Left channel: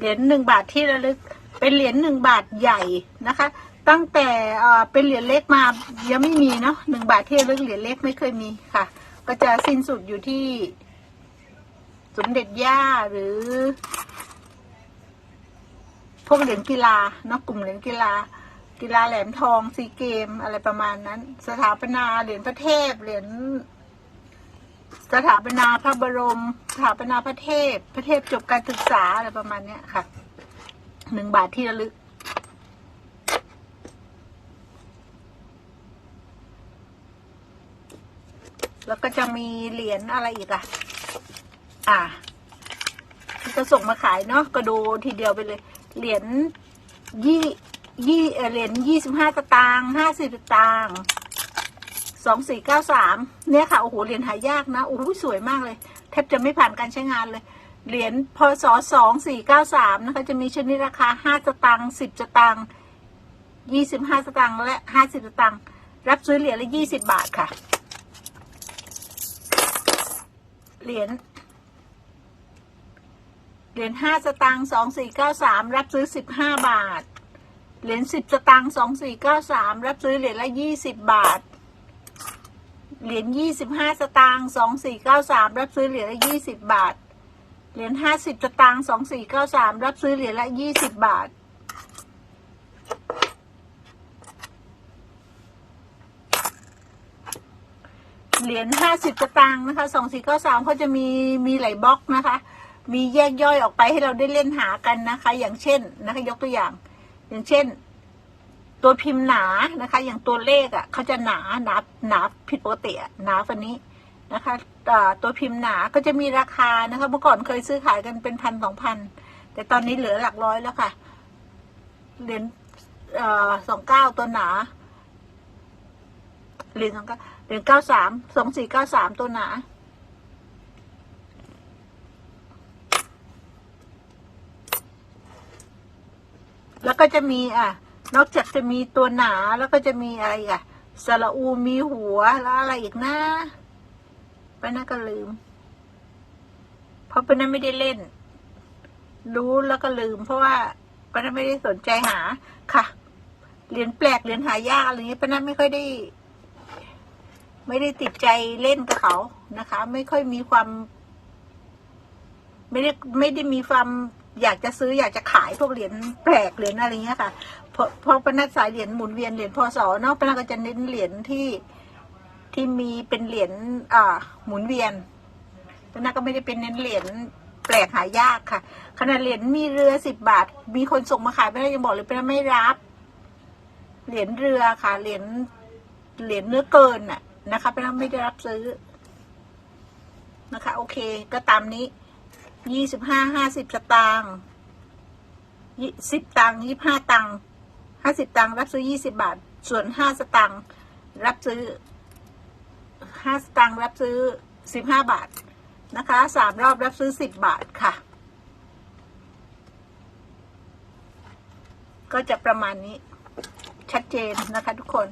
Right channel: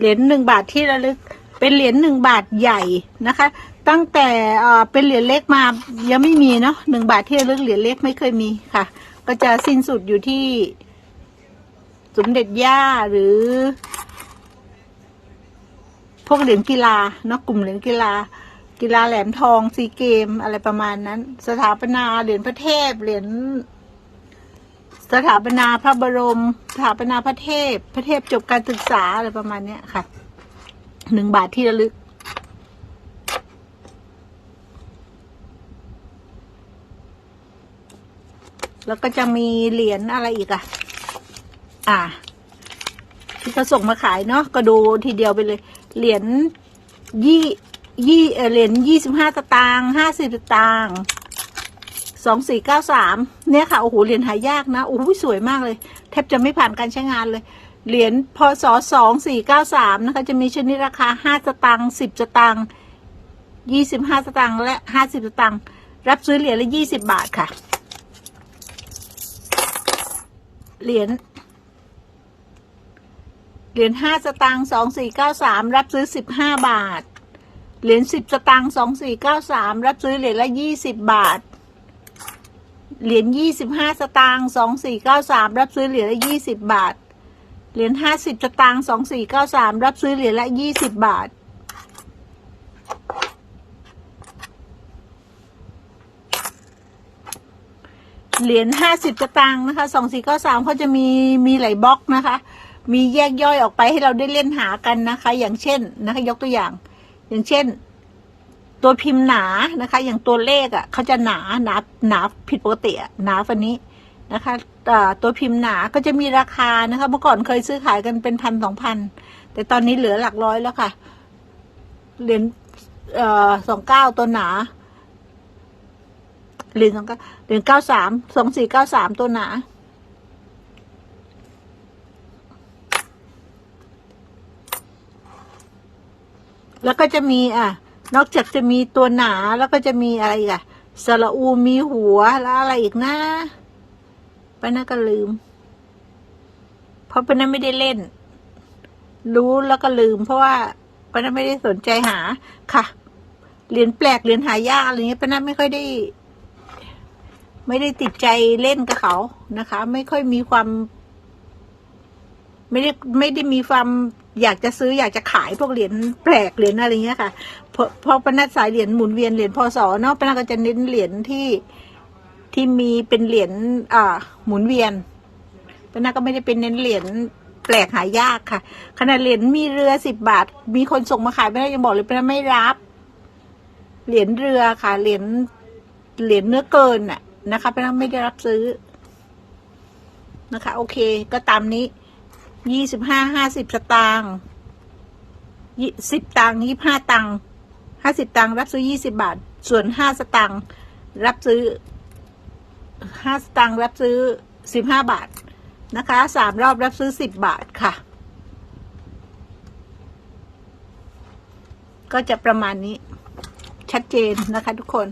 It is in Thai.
เหรียญหนึ่งบาทที่ระลึก เป็นเหรียญหนึ่งบาทใหญ่นะคะ ตั้งแต่เป็นเหรียญเล็กมายังไม่มีเนาะหนึ่งบาทที่ระลึกเหรียญเล็กไม่เคยมีค่ะ ก็จะสิ้นสุดอยู่ที่สมเด็จย่าหรือ พวกเหรียญกีฬาเนาะกลุ่มเหรียญกีฬา กีฬาแหลมทองซีเกมอะไรประมาณนั้น สถาปนาเหรียญพระเทพเหรียญ สถาปนาพระบรม สถาปนาพระเทพ พระเทพจบการศึกษาอะไรประมาณเนี้ยค่ะ หนึ่งบาทที่ระลึก แล้วก็จะมีเหรียญอะไรอีกอะ อ่า ที่เขาส่งมาขายเนาะก็ดูทีเดียวไปเลย เหรียญยี่ยี่เหรียญยี่สิบห้าตางค์ห้าสิบตตางค์ สองสี่เก้าสามเนี่ยค่ะ โอ้โหเหรียญหายากนะโอ้โหสวยมากเลย แทบจะไม่ผ่านการใช้งานเลย เหรียญพศสองสี่เก้าสามนะคะ จะมีชนิดราคาห้าสตางค์สิบสตางค์ยี่สิบห้าสตางค์และห้าสิบสตางค์รับซื้อเหรียญละยี่สิบบาทค่ะ เหรียญเหรียญห้าสตางค์สองสี่เก้าสามรับซื้อสิบห้าบาท เหรียญสิบสตางค์สองสี่เก้าสามรับซื้อเหรียญละยี่สิบบาท เหรียญยี่สิบห้าสตางค์สองสี่เก้าสามรับซื้อเหรียญละยี่สิบบาท เหรียญห้าสิบสตางค์สองสี่เก้าสามรับซื้อเหรียญละยี่สิบบาท เหรียญห้าสิบสตางค์นะคะสองสี่เก้าสามเขาจะมีมีหลายบล็อกนะคะ มีแยกย่อยออกไปให้เราได้เล่นหากันนะคะ อย่างเช่นนะคะ ยกตัวอย่าง อย่างเช่น ตัวพิมพ์หนานะคะ อย่างตัวเลขอะเขาจะหนาหนาหนาผิดปกติอะหนาฟันนี้นะคะตัวพิมพ์หนาก็จะมีราคานะคะเมื่อก่อนเคยซื้อขายกันเป็นพันสองพันแต่ตอนนี้เหลือหลักร้อยแล้วค่ะ เหรียญสองเก้าตัวหนา เหรียญสองเก้าเหรียญเก้าสามสองสี่เก้าสามตัวหนาแล้วก็จะมีอะ นอกจากจะมีตัวหนาแล้วก็จะมีอะไรก่ะสระอูมีหัวแล้วอะไรอีกนะป้าน่าก็ลืม เพราะป้าน่าไม่ได้เล่น รู้แล้วก็ลืม เพราะว่าป้าน่าไม่ได้สนใจหาค่ะเหรียญแปลกเหรียญหายากอะไรเงี้ยป้าน่าไม่ค่อยได้ ไม่ได้ติดใจเล่นกับเขานะคะ ไม่ค่อยมีความ ไม่ได้ไม่ได้มีความ อยากจะซื้ออยากจะขายพวกเหรียญแปลกเหรียญอะไรเงี้ยค่ะพราะเพราะปนัดสายเหรียญหมุนเวียนเหรียญพศเนาะปนัดก็จะเน้นเหรียญที่ที่มีเป็นเหรียญอ่าหมุนเวียนปนัดก็ไม่ได้เป็นเน้นเหรียญแปลกหายากค่ะ ขนาดเหรียญมีเรือสิบบาท มีคนส่งมาขายปนัดยังบอกเลยปนัดไม่รับ เหรียญเรือค่ะเหรียญเหรียญเนื้อเกินน่ะนะคะปนัดไม่ได้รับซื้อนะคะ โอเค ก็ตามนี้ ยี่สิบห้าห้าสิบสตางค์ยี่สิบตังค์ยี่ห้าตังค์ห้าสิบตังค์รับซื้อยี่สิบาท ส่วนห้าสตังค์รับซื้อห้าสตังค์รับซื้อสิบห้าบาทนะคะสามรอบรับซื้อสิบบาทค่ะ ก็จะประมาณนี้ชัดเจนนะคะทุกคน